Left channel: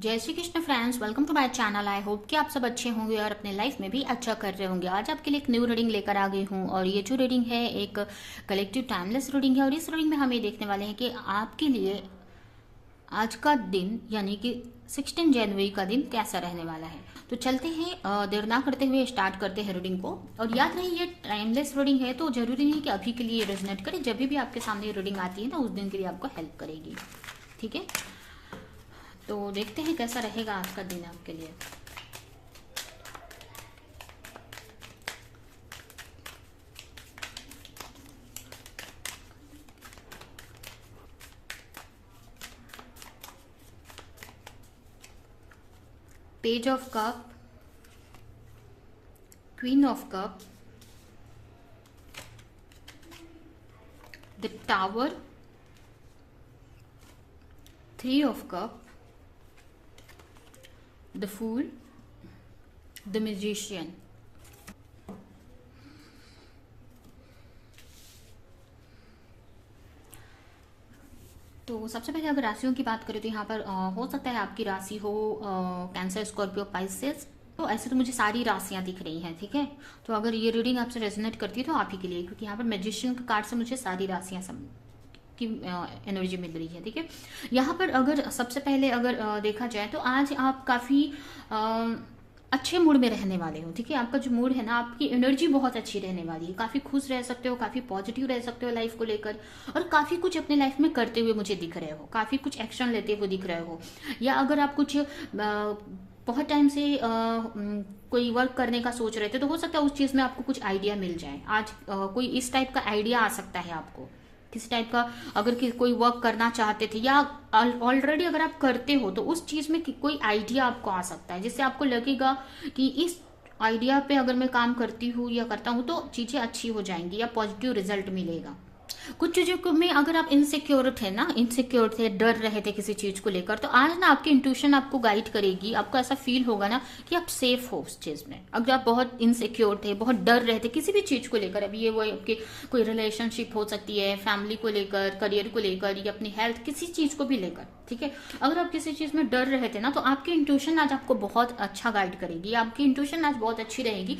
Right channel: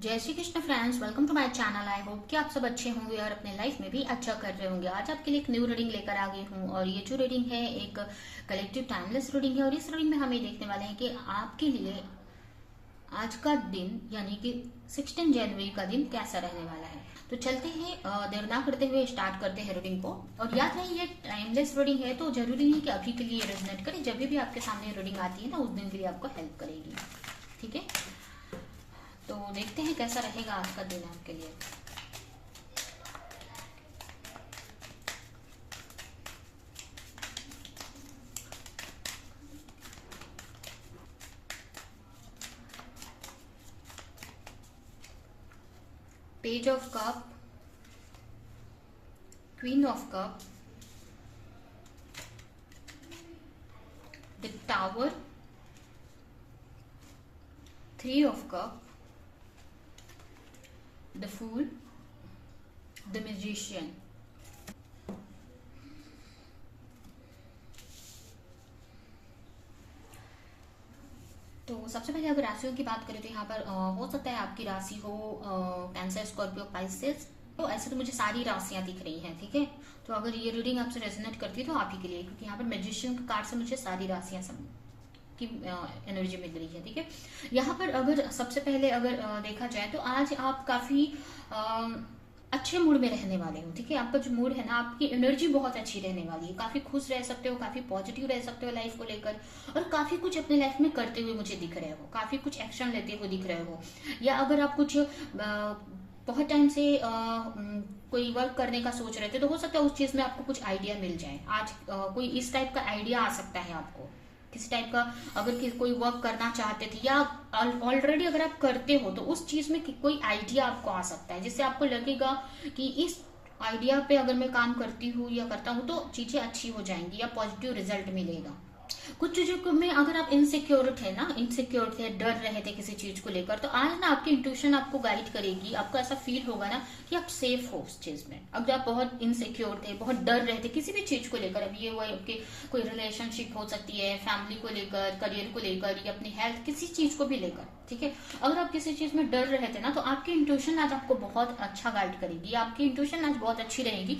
जय Shri Krishna friends, welcome to my channel. I hope कि आप सब अच्छे होंगे और अपने लाइफ में भी अच्छा कर रहे होंगे। आज आपके लिए एक न्यू रीडिंग लेकर आ गई हूँ और ये जो रीडिंग है एक कलेक्टिव टाइमलेस रीडिंग है। और इस रीडिंग में हम ये देखने वाले हैं कि आपके लिए आज का दिन यानी कि 16 जनवरी का दिन कैसा रहने वाला है। तो चलते हैं, देर ना करते हुए स्टार्ट करते हैं रीडिंग को। और याद रहे ये टाइमलेस रीडिंग है, तो जरूरी नहीं कि अभी के लिए रेजोनेट करे। जब भी आपके सामने रीडिंग आती है ना, उस दिन के लिए आपको हेल्प करेगी। ठीक है, तो देखते हैं कैसा रहेगा आज का दिन आपके लिए। Page of cup, queen of cup, the tower, three of cup, the fool, the musician. तो सबसे पहले अगर राशियों की बात करें तो यहाँ पर हो सकता है आपकी राशि हो कैंसर, स्कॉर्पियो, पाइसेस। तो ऐसे तो मुझे सारी राशियां दिख रही हैं। ठीक है, तो अगर ये रीडिंग आपसे रेजोनेट करती है तो आप ही के लिए, क्योंकि यहाँ पर मैजिशियन के कार्ड से मुझे सारी राशियां की एनर्जी मिल रही है। ठीक है, यहाँ पर अगर सबसे पहले अगर देखा जाए तो आज आप काफी अच्छे मूड में रहने वाले हो। ठीक है, आपका जो मूड है ना, आपकी एनर्जी बहुत अच्छी रहने वाली है। काफी खुश रह सकते हो, काफी पॉजिटिव रह सकते हो लाइफ को लेकर, और काफी कुछ अपने लाइफ में करते हुए मुझे दिख रहे हो, काफी कुछ एक्शन लेते हुए दिख रहे हो। या अगर आप कुछ बहुत टाइम से कोई वर्क करने का सोच रहे थे, तो हो सकता है उस चीज में आपको कुछ आइडिया मिल जाए। आज कोई इस टाइप का आइडिया आ सकता है आपको, किसी टाइप का। अगर कोई वर्क करना चाहते थे या ऑलरेडी अगर आप करते हो, तो उस चीज में कोई आइडिया आपको आ सकता है, जिससे आपको लगेगा कि इस आइडिया पे अगर मैं काम करती हूँ या करता हूँ तो चीजें अच्छी हो जाएंगी या पॉजिटिव रिजल्ट मिलेगा। कुछ चीजों में अगर आप इनसिक्योर थे ना, इनसिक्योर थे, डर रहे थे किसी चीज को लेकर, तो आज ना आपकी इंट्यूशन आपको गाइड करेगी। आपको ऐसा फील होगा ना कि आप सेफ हो उस चीज में। अगर आप बहुत इनसिक्योर थे, बहुत डर रहे थे किसी भी चीज को लेकर, अभी ये वो आपके कोई रिलेशनशिप हो सकती है, फैमिली को लेकर, करियर को लेकर, या अपनी हेल्थ, किसी चीज को भी लेकर। ठीक है, अगर आप किसी चीज में डर रहे थे ना, तो आपकी इंट्यूशन आज आपको बहुत अच्छा गाइड करेगी। आपकी इंट्यूशन आज बहुत अच्छी रहेगी,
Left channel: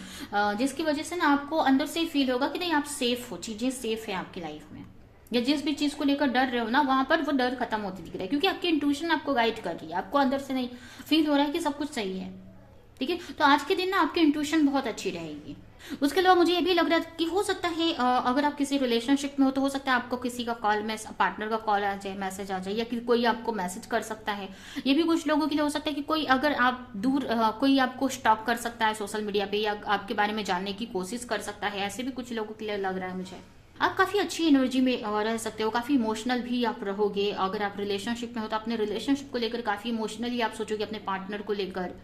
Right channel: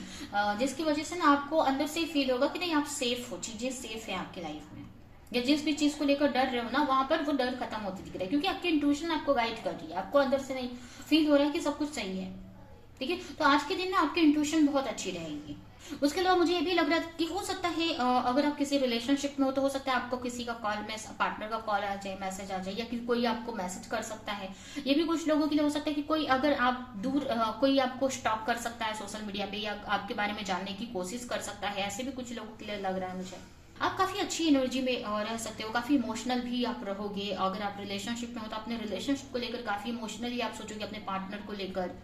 जिसकी वजह से ना आपको अंदर से ही फील होगा कि नहीं, आप सेफ हो, चीजें सेफ है आपकी लाइफ में। या जिस भी चीज को लेकर डर रहे हो ना, वहां पर वो डर खत्म होती दिख रहा है, क्योंकि आपकी इंट्यूशन आपको गाइड कर रही है। आपको अंदर से नहीं फील हो रहा है कि सब कुछ सही है। ठीक है, तो आज के दिन ना आपकी इंट्यूशन बहुत अच्छी रहेगी। उसके अलावा मुझे ये भी लग रहा है कि हो सकता है अगर आप किसी रिलेशनशिप में हो, तो हो सकता है आपको किसी का कॉल में, पार्टनर का कॉल आ जाए, मैसेज आ जाए, या कि कोई आपको मैसेज कर सकता है। ये भी कुछ लोगों के लिए हो सकता है कि कोई, अगर आप दूर, कोई आपको स्टॉक कर सकता है सोशल मीडिया पे, या आपके बारे में जानने की कोशिश कर सकता है। ऐसे भी कुछ लोगों के लिए लग रहा है मुझे। आप काफी अच्छी एनर्जी में रह सकते हो, काफी इमोशनल भी आप रहोगे। अगर आप रिलेशनशिप में हो तो अपने रिलेशनशिप को लेकर काफी इमोशनली आप सोचोगे, अपने पार्टनर को लेकर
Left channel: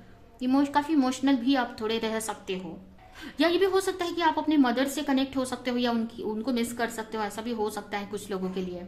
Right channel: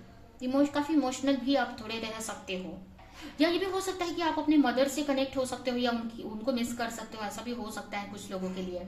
काफी इमोशनल भी आप थोड़े रह सकते हो। या ये भी हो सकता है कि आप अपने मदर से कनेक्ट हो सकते हो, या उनको मिस कर सकते हो। ऐसा भी हो सकता है कुछ लोगों के लिए।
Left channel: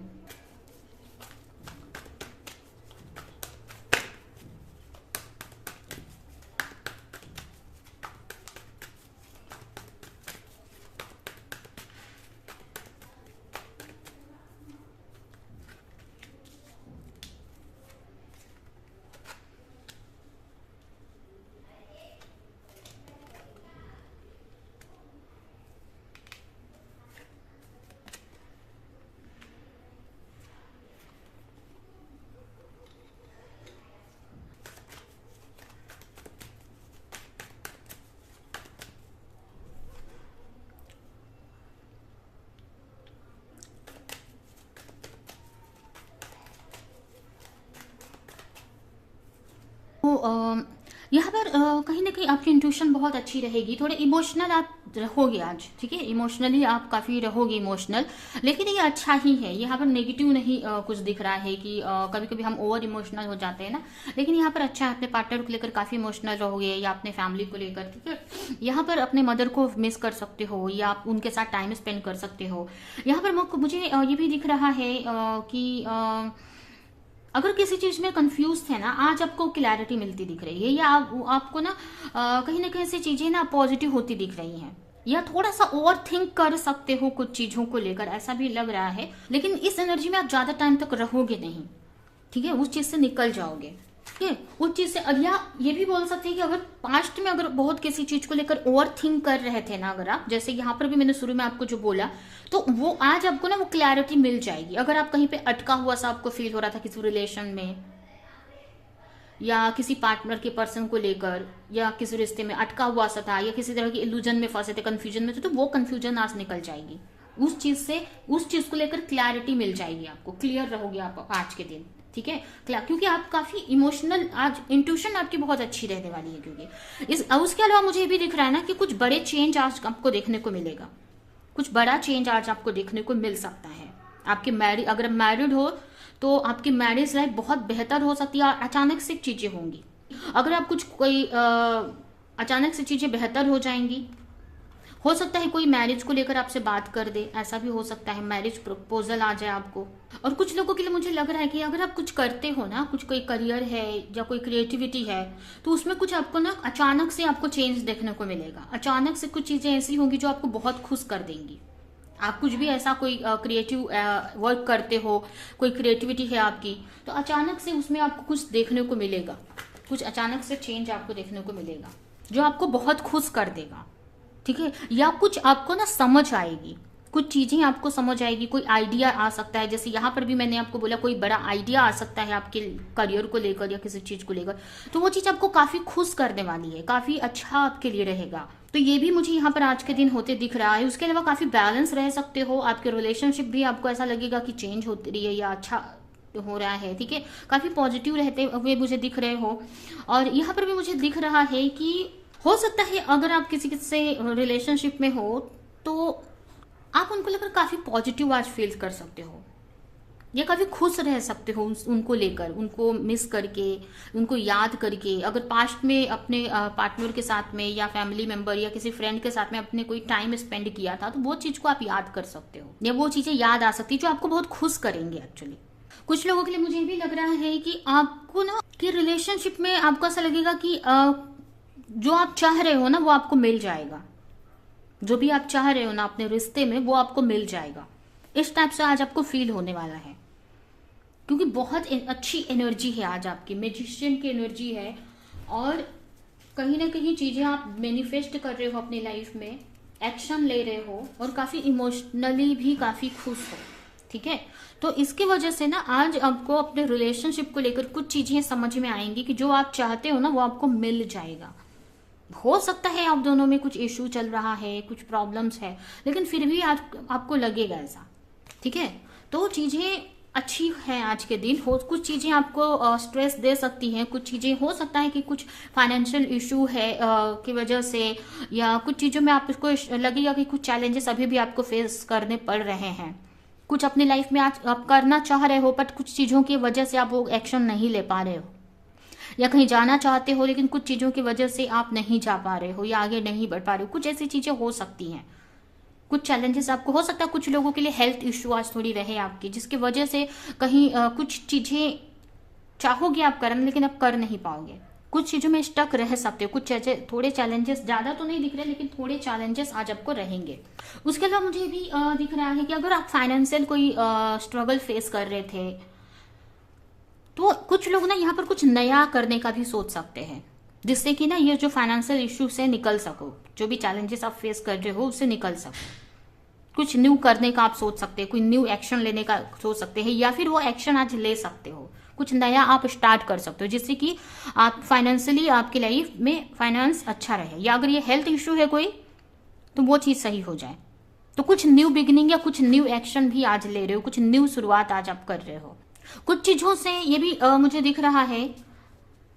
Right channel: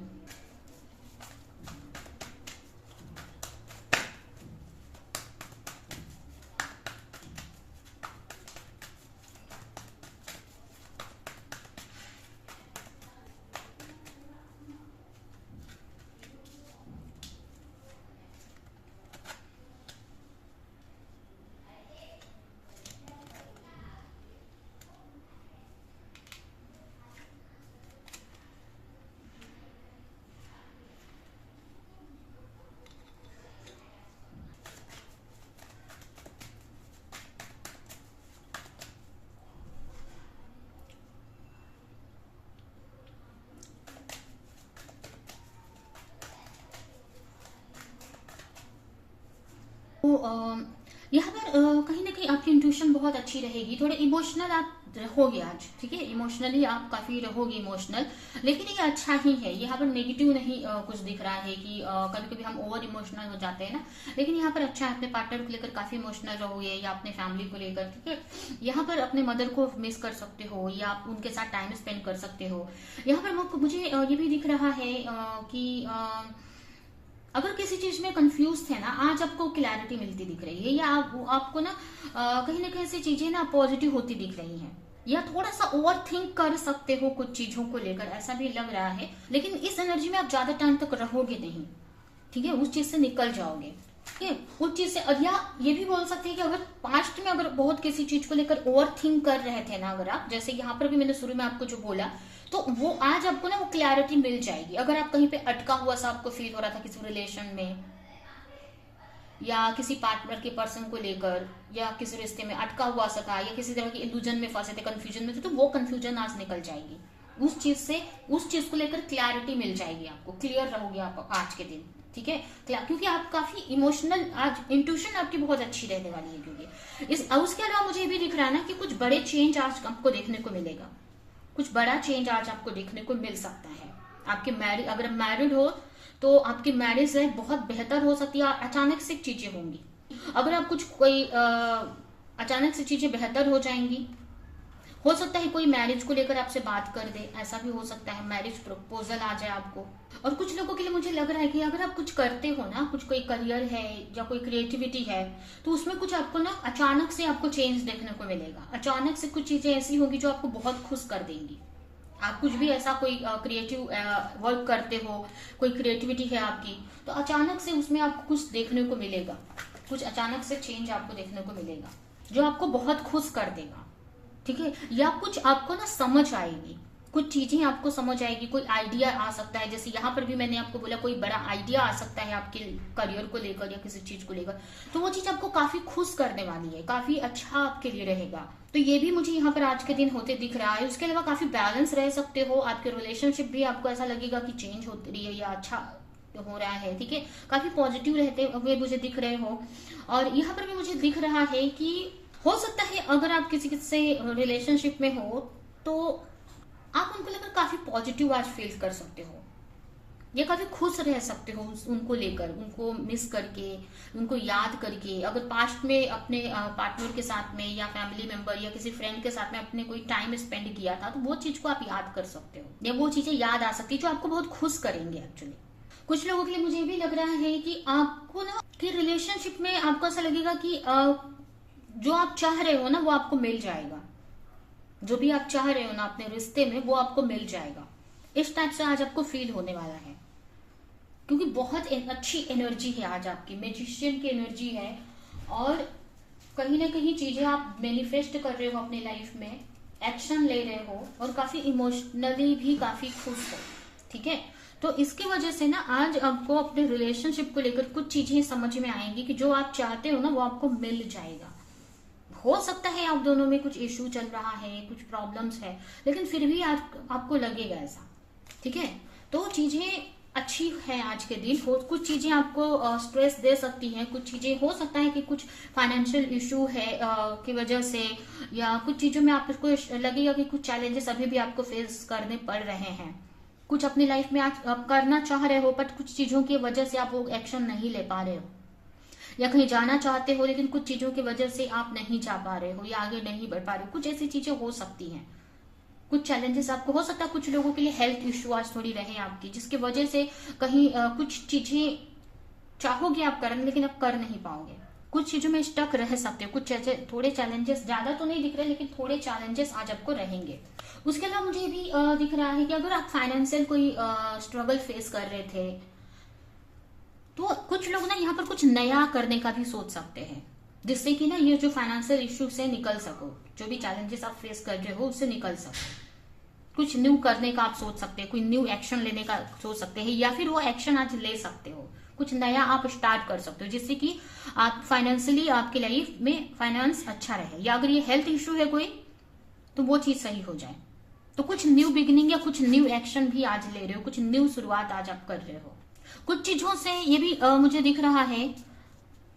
तो यहाँ पर कहीं ना कहीं आपकी इंट्यूशन बहुत अच्छी रहेगी। थोड़े इमोशनल आप रहोगे आज। ठीक है, इमोशनली आप काफी रहोगे इमोशनल, लेकिन ये अच्छा ही है। यहाँ पर नेगेटिव नहीं कुछ दिख रहा है कि कभी कभी हम ओवर इमोशनल हो जाते हैं ना, लेकिन यहाँ पर अच्छा है। अपने पार्टनर को लेकर काफी इमोशनल रहोगे, या अपने फैमिली को लेकर। ठीक है, यहाँ पर अपने मदर को मिस कर सकते हो, या आप उनके साथ टाइम स्पेंड कर सकते हो। यहाँ पर मुझे ये भी दिख रहा है कि अगर किसी चीज में कंफ्यूज थे ना, आज आपको क्लैरिटी मिलती दिख रही है, या आपको ना कहीं ना कहीं से चीजें ना पॉजिटिव होती दिख रही हैं, या थोड़ा सा ओवर थिंक कर सकते हो कुछ चीजों को लेकर, ऐसा भी लग रहा है। लेकिन इस एनर्जी में आप ज्यादा टाइम तक रहोगे नहीं। ठीक है, उस चीज से निकल जाओगे। ठीक है, उस चीज से या ये भी बोल सकते हैं कि अगर पास्ट में अगर बहुत किसी चीज को लेकर ओवर थिंक कर रहे थे ना, अगर आप जैसे यहाँ पर भी मैंने शुरू में आपको जो बोला, तो वो आज आपको ना वो क्लैरिटी मिल जाएगी। अगर आप कहीं पे अटका हुआ सा आपको फील हो रहा था किसी रिलेशन में या किसी पार्टनर के पर्सन को लेकर या किसी रिश्ते में अटका हुआ सा था या किसी तरह की इल्यूजन में फंसे थे, कंफ्यूजन में थे, तो वो कंफ्यूजन आज निकल जाएगी। उस चीज को लेकर क्लैरिटी मिल जाएगी आपको, क्लियर रहोगे आप आज के दिन। ठीक है, क्योंकि आप काफी इमोशनल, आज इंट्यूशन आपकी बहुत अच्छी रहने वाली है। क्योंकि उसके अलावा मुझे ये भी दिख रहा है ना कि कुछ बड़े चेंज आज आपको देखने को मिलेगा, कुछ बड़ा चेंज आज आपको देखने को मिल सकता है। आपके अगर मैरिड हो तो आपकी मैरिज लाइफ बहुत बेहतर हो सकती है और अचानक से चीजें होंगी। अगर आप कोई अचानक से चीजें बेहतर हो जाएंगी, हो सकता है कोई मैरिज को लेकर आपसे बात कर दे, ऐसा भी हो सकता है, मैरिज प्रपोजल आ जाए आपको। और कुछ लोगों के लिए मुझे लग रहा है कि अगर आप कुछ करते हो ना, कुछ कोई करियर है या कोई क्रिएटिविटी है, तो उसमें कुछ आपको ना अचानक से आपको चेंज देखने को मिलेगा। अचानक से कुछ चीजें ऐसी होंगी जो आपको बहुत खुश कर देंगी। आप कुछ भी ऐसा कोई क्रिएटिव वर्क करते हो, कोई क्रिएटिविटी है आपकी, तो अचानक से उसमें आपको कुछ देखने को मिलेगा, कुछ अचानक से चेंज आपको देखने को मिलेगा जो आपको बहुत खुश कर देगा। ठीक है, या कुछ आपको ना समझ आएगी, कुछ चीजें आपको समझ आएगी, कोई आइडिया आ सकता है। जैसे यहाँ पर भी मैंने आपको बोला कोई बड़ा आइडिया आ सकता है आपके करियर को लेकर या किसी चीज को लेकर, तो वो चीज आपको काफी खुश करने वाली है, काफी अच्छा आपके लिए रहेगा। तो ये भी मुझे यहाँ पर आज के दिन होते दिख रहा है। उसके अलावा काफी बैलेंस रह सकते हो, आपके रिलेशनशिप भी आपको ऐसा लगेगा कि चेंज हो रही है या अच्छा हो रहा है। ठीक है, काफी पॉजिटिव रहते हुए मुझे दिख रहे हो। और यहाँ पर भी मुझे दिख रहा है कि हो सकता है अगर आप किसी से रिलेशनशिप में हो तो आप उनको लेकर काफी पॉजिटिव आज फील कर सकते हो या काफी खुश रह सकते हो उनको लेकर, उनको मिस करके, उनको याद करके। अगर पास्ट में अपने पार्टनर के साथ में या फैमिली मेंबर या किसी फ्रेंड के साथ में अपने कोई टाइम स्पेंड किया था, तो वो चीज को आप याद कर सकते हो या वो चीजें याद आ सकती है जो आपको बहुत खुश करेंगे एक्चुअली। कुछ लोगों के लिए मुझे ये भी लग रहा है कि आपको ना कि रिलेशनशिप में आपको ऐसा लगेगा कि जो आप चाह रहे हो ना वो आपको मिल जाएगा, जो भी आप चाह रहे हो ना अपने रिश्ते में वो आपको मिल जाएगा। इस टाइप से आज आपको फील होने वाला है, क्योंकि बहुत अच्छी एनर्जी है आज आपकी, मैजिशियन की एनर्जी है। और कहीं ना कहीं चीजें आप मैनिफेस्ट कर रहे हो अपनी लाइफ में, एक्शन ले रहे हो और काफी इमोशनली भी काफी खुश हो। ठीक है, तो इसकी वजह से ना आज आपको अपने रिलेशनशिप को लेकर कुछ चीजें समझ में आएंगी कि जो आप चाहते हो ना वो आपको मिल जाएगा। हो सकता है आप दोनों में कुछ इश्यू चल रहा है, कुछ प्रॉब्लम्स है, लेकिन फिर भी आपको लगेगा ऐसा। ठीक है, तो चीजें अच्छी है आज के दिन। कुछ चीजें आपको स्ट्रेस दे सकती हैं, कुछ चीजें हो सकता है कि कुछ फाइनेंशियल इश्यू है की वजह से, या कुछ चीजों में आपको लगेगा कि कुछ चैलेंजेस अभी भी आपको फेस करने पड़ रहे हैं। कुछ अपनी लाइफ में आज आप करना चाह रहे हो बट कुछ चीजों की वजह से आप वो एक्शन नहीं ले पा रहे हो, या कहीं जाना चाहते हो लेकिन कुछ चीजों की वजह से आप नहीं जा पा रहे हो या आगे नहीं बढ़ पा रहे हो। कुछ ऐसी चीजें हो सकती हैं, कुछ चैलेंजेस आपको हो सकता है। कुछ लोगों के लिए हेल्थ इश्यू आज थोड़ी रहे आपकी, जिसकी वजह से कहीं कुछ चीजें चाहोगे आप करना लेकिन आप कर नहीं पाओगे, कुछ चीजों में स्टक रह सकते हो। कुछ थोड़े चैलेंजेस, ज्यादा तो नहीं दिख रहे लेकिन थोड़े चैलेंजेस आज आपको रहेंगे। उसके अलावा मुझे भी दिख रहा है कि अगर आप फाइनेंशियल कोई स्ट्रगल फेस कर रहे थे तो कुछ लोग ना यहाँ पर कुछ नया करने का भी सोच सकते हैं, जिससे कि ना ये जो फाइनेंशियल इश्यू से निकल सको, जो भी चैलेंजेस आप फेस कर रहे हो उससे निकल सको। कुछ न्यू करने का आप सोच सकते हैं, कोई न्यू एक्शन लेने का सोच सकते हैं, या फिर वो एक्शन आज ले सकते हो, कुछ नया आप स्टार्ट कर सकते हो जिससे कि आप फाइनेंशियली आपकी लाइफ में फाइनेंस अच्छा रहे। या अगर ये हेल्थ इश्यू है कोई तो वो चीज सही हो जाए। तो कुछ न्यू बिगिनिंग या कुछ न्यू एक्शन भी आज ले रहे हो, कुछ न्यू शुरुआत आज आप कर रहे हो। कुछ चीजों से ये भी मुझे दिख रहा है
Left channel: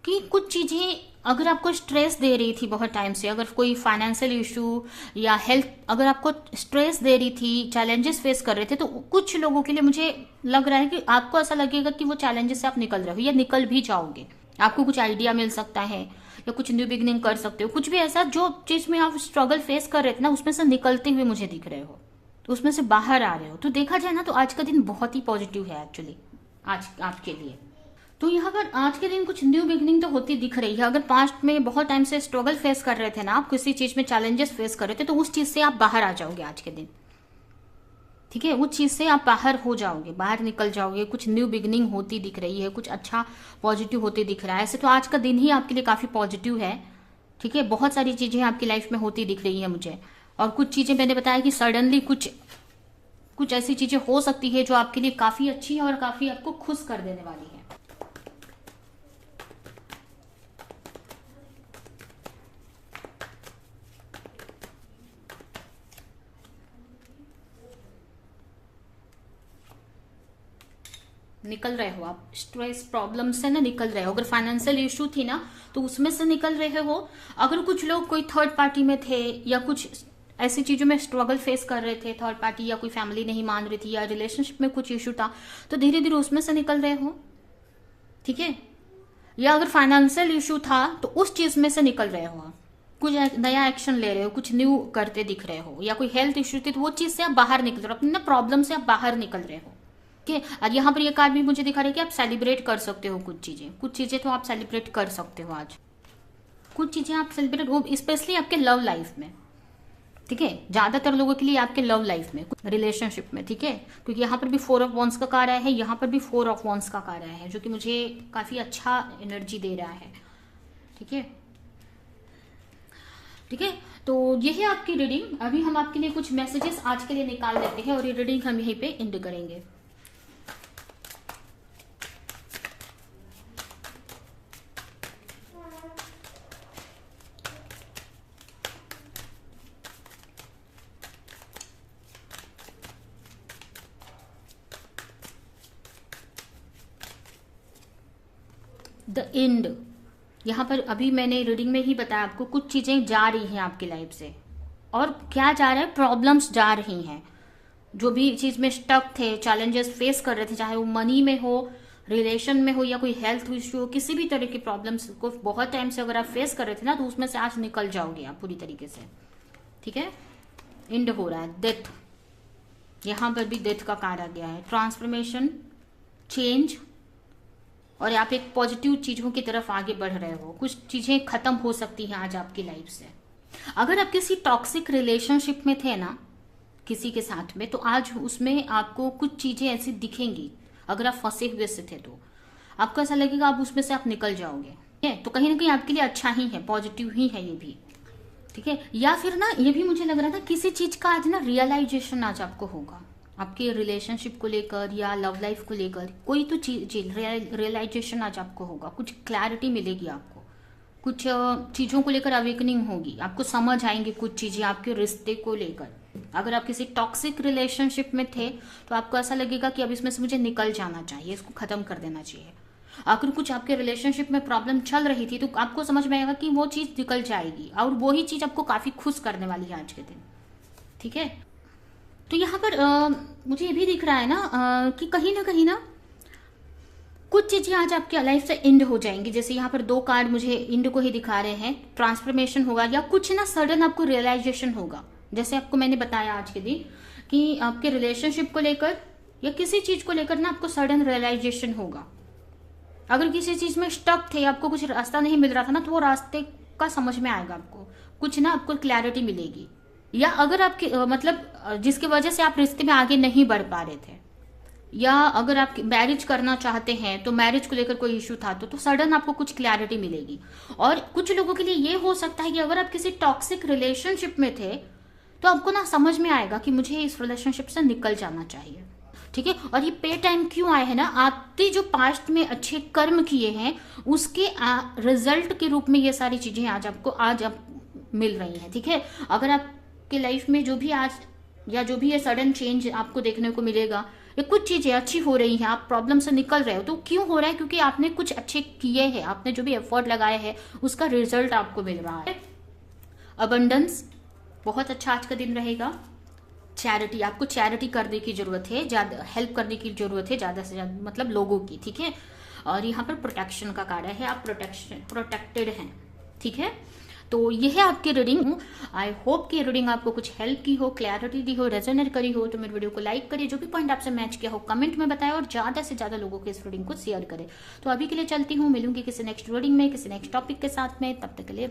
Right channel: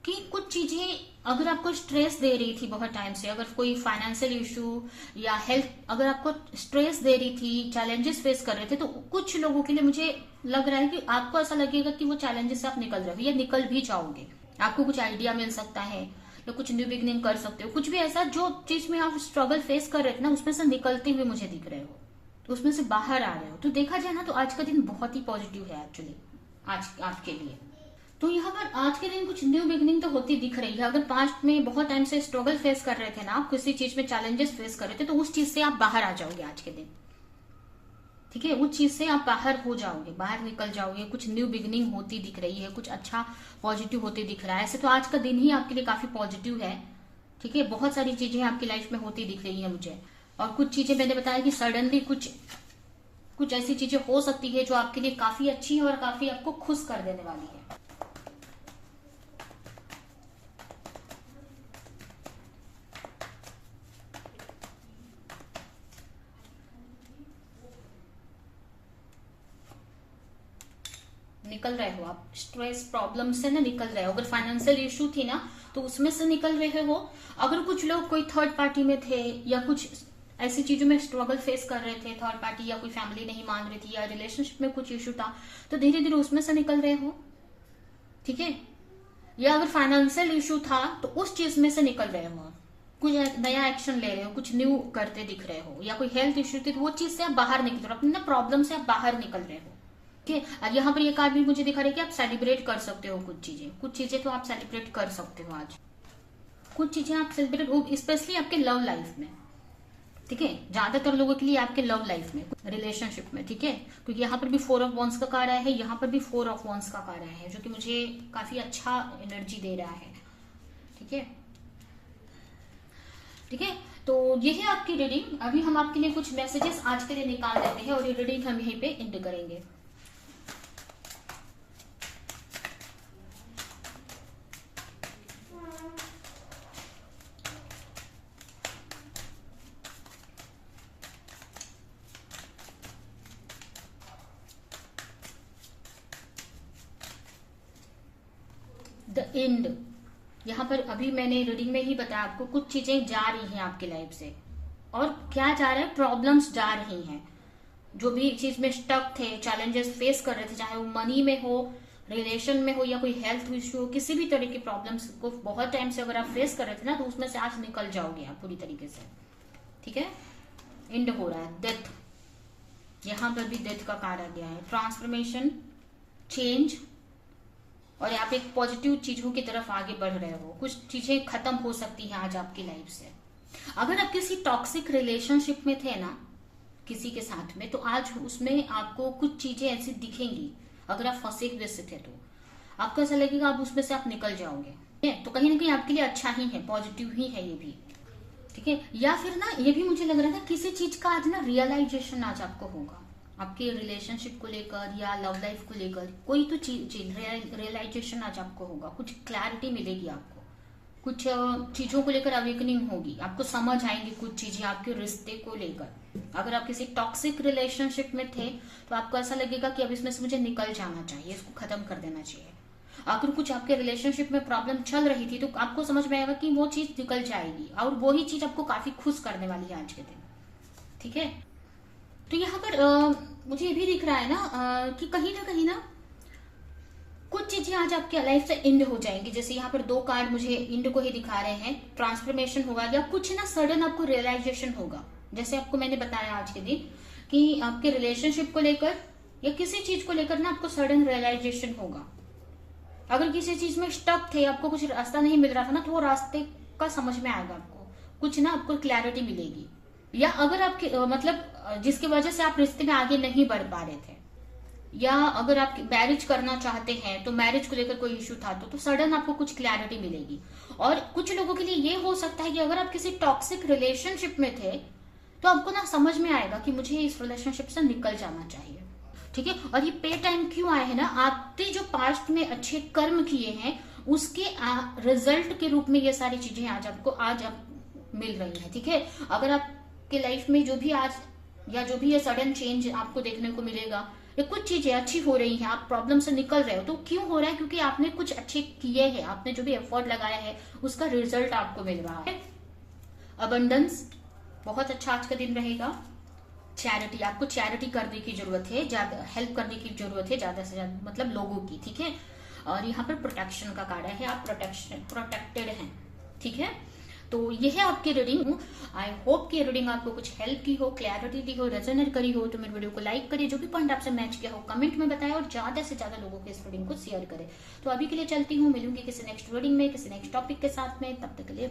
कि कुछ चीजें अगर आपको स्ट्रेस दे रही थी बहुत टाइम से, अगर कोई फाइनेंशियल इशू या हेल्थ अगर आपको स्ट्रेस दे रही थी, चैलेंजेस फेस कर रहे थे, तो कुछ लोगों के लिए मुझे लग रहा है कि आपको ऐसा लगेगा कि वो चैलेंजेस से आप निकल रहे हो या निकल भी जाओगे। आपको कुछ आइडिया मिल सकता है या कुछ न्यू बिगिनिंग कर सकते हो, कुछ भी ऐसा जो चीज में आप स्ट्रगल फेस कर रहे थे ना उसमें से निकलते हुए मुझे दिख रहे हो, तो उसमें से बाहर आ रहे हो। तो देखा जाए ना तो आज का दिन बहुत ही पॉजिटिव है एक्चुअली आज आपके लिए। तो यहाँ पर आज के दिन कुछ न्यू बिगिनिंग तो होती दिख रही है। अगर पास्ट में बहुत टाइम से स्ट्रगल फेस कर रहे थे ना, आप किसी चीज में चैलेंजेस फेस कर रहे थे, तो उस चीज से आप बाहर आ जाओगे आज के दिन। ठीक है, उस चीज से आप बाहर हो जाओगे, बाहर निकल जाओगे, कुछ न्यू बिगिनिंग होती दिख रही है, कुछ अच्छा पॉजिटिव होते दिख रहा है। ऐसे तो आज का दिन ही आपके लिए काफी पॉजिटिव है। ठीक है, बहुत सारी चीजें आपकी लाइफ में होती दिख रही है मुझे, और कुछ चीजें मैंने बताया कि सडनली कुछ कुछ ऐसी चीजें हो सकती है जो आपके लिए काफी अच्छी है और काफी आपको खुश कर देने वाली है। निकल रहे हो आप स्ट्रेस प्रॉब्लम से ना, निकल रहे हो। अगर फाइनेंशियल इश्यू थी ना तो उसमें से निकल रहे हो। अगर कुछ लोग कोई थर्ड पार्टी में थे या कुछ ऐसी चीजों में स्ट्रगल फेस कर रहे थे, थर्ड पार्टी या कोई फैमिली नहीं मान रही थी या रिलेशनशिप में कुछ इश्यू था, तो धीरे धीरे उसमें से निकल रहे हो। ठीक है, या अगर फाइनेंशियल इश्यू था तो उस चीज में से निकल रहे हो, कुछ नया एक्शन ले रहे हो, कुछ न्यू करते दिख रहे हो, या कोई हेल्थ इश्यू थी तो वो चीज से आप बाहर निकल रहे हो, अपने प्रॉब्लम से आप बाहर निकल रहे हो। ठीक है, और यहाँ पर ये कार्ड भी मुझे दिखा रही है कि आप सेलिब्रेट कर सकते हो कुछ चीजें तो आप सेलिब्रेट कर सकते हो आज। कुछ चीजें आप सेलिब्रेट हो, स्पेशली आपके लव लाइफ में। ठीक है, ज्यादातर लोगों के लिए आपके लव लाइफ में, रिलेशनशिप में। ठीक है, क्योंकि यहाँ पर भी 4 ऑफ वॉन्ड्स का कार्ड आया है, यहाँ पर भी 4 ऑफ वॉन्ड्स का कार्ड आया है, जो कि मुझे काफी अच्छा एनर्जी दे रहा है। ठीक है, ठीक है, तो ये है आपकी रीडिंग। अभी हम आपके लिए कुछ मैसेजेस आज के लिए निकाल लेते हैं और ये रीडिंग हम यहीं पे एंड करेंगे। द एंड, यहाँ पर अभी मैंने रीडिंग में ही बताया आपको, कुछ चीजें जा रही हैं आपकी लाइफ से। और क्या जा रहा है, प्रॉब्लम्स जा रही हैं। जो भी चीज में स्टक थे, चैलेंजेस फेस कर रहे थे, चाहे वो मनी में हो, रिलेशन में हो, या कोई हेल्थ इश्यू हो, किसी भी तरह की प्रॉब्लम्स को बहुत टाइम से अगर आप फेस कर रहे थे ना, तो उसमें से आज निकल जाओगे आप पूरी तरीके से। ठीक है, एंड हो रहा है। डेथ, यहाँ पर भी डेथ का कार्ड आ गया है। ट्रांसफॉर्मेशन, चेंज, और आप एक पॉजिटिव चीजों की तरफ आगे बढ़ रहे हो। कुछ चीजें खत्म हो सकती हैं आज आपकी लाइफ से। अगर आप किसी टॉक्सिक रिलेशनशिप में थे ना किसी के साथ में, तो आज उसमें आपको कुछ चीजें ऐसी दिखेंगी। अगर आप फंसे हुए से थे तो आपको ऐसा लगेगा आप उसमें से आप निकल जाओगे। ठीक है, तो कहीं ना कहीं आपके लिए अच्छा ही है, पॉजिटिव ही है ये भी। ठीक है, या फिर ना ये भी मुझे लग रहा था किसी चीज का आज ना रियलाइजेशन आज आपको होगा, आपके रिलेशनशिप को लेकर या लव लाइफ को लेकर। कोई तो चीज रियलाइजेशन आज आपको होगा, कुछ क्लैरिटी मिलेगी आपको, कुछ चीजों को लेकर अवेकनिंग होगी, आपको समझ आएंगे कुछ चीजें आपके रिश्ते को लेकर। अगर आप किसी टॉक्सिक रिलेशनशिप में थे तो आपको ऐसा लगेगा कि अब इसमें से मुझे निकल जाना चाहिए, इसको खत्म कर देना चाहिए। अगर कुछ आपके रिलेशनशिप में प्रॉब्लम चल रही थी तो आपको समझ में आएगा कि वो चीज निकल जाएगी, और वही चीज आपको काफी खुश करने वाली है आज के दिन। ठीक है, तो यहाँ पर मुझे ये भी दिख रहा है ना कि कहीं ना कुछ चीजें आज आपकी लाइफ से एंड हो जाएंगी। जैसे यहाँ पर 2 कार्ड मुझे एंड को ही दिखा रहे हैं। ट्रांसफॉर्मेशन होगा, या कुछ ना सडन आपको रियलाइजेशन होगा। जैसे आपको मैंने बताया आज के दिन कि आपके रिलेशनशिप को लेकर या किसी चीज को लेकर ना आपको सडन रियलाइजेशन होगा। अगर किसी चीज में स्टक थे, आपको कुछ रास्ता नहीं मिल रहा था ना, तो वो रास्ते का समझ में आएगा आपको, कुछ ना आपको क्लैरिटी मिलेगी। या अगर आपके मतलब जिसकी वजह से आप रिश्ते में आगे नहीं बढ़ पा रहे थे, या अगर आप मैरिज करना चाहते हैं तो मैरिज को लेकर कोई इश्यू था तो सडन आपको कुछ क्लैरिटी मिलेगी। और कुछ लोगों के लिए ये हो सकता है कि अगर आप किसी टॉक्सिक रिलेशनशिप में थे तो आपको ना समझ में आएगा कि मुझे इस रिलेशनशिप से निकल जाना चाहिए। ठीक है, और ये पे टाइम क्यों आए हैं ना, आपने जो पास्ट में अच्छे कर्म किए हैं उसके रिजल्ट के रूप में ये सारी चीजें आज आपको मिल रही हैं। ठीक है, अगर आपके लाइफ में जो भी आज या जो भी ये सडन चेंज आपको देखने को मिलेगा, या कुछ चीजें अच्छी हो रही हैं, आप प्रॉब्लम से निकल रहे हो, तो क्यों हो रहा है? क्योंकि आपने कुछ अच्छे किए हैं, आपने जो भी एफर्ट लगाया है उसका रिजल्ट आपको मिल रहा है। अबंडेंस, बहुत अच्छा आज का दिन रहेगा। चैरिटी, आपको चैरिटी करने की जरूरत है, ज्यादा हेल्प करने की जरूरत है, ज्यादा से ज्यादा मतलब लोगों की। ठीक है, और यहाँ पर प्रोटेक्शन का कार्ड है, आप प्रोटेक्टेड हैं। ठीक है, तो ये है आपकी रीडिंग। आई होप कि रीडिंग आपको कुछ हेल्प की हो, क्लैरिटी दी हो, रेजोनेट करी हो। तो मेरे वीडियो को लाइक करिए, जो भी पॉइंट आपसे मैच किया हो कमेंट में बताएं, और ज्यादा से ज्यादा लोगों को इस रीडिंग को शेयर करें। तो अभी के लिए चलती हूँ, मिलूंगी किसी नेक्स्ट रीडिंग में, किसी नेक्स्ट टॉपिक के साथ में। तब तक के लिए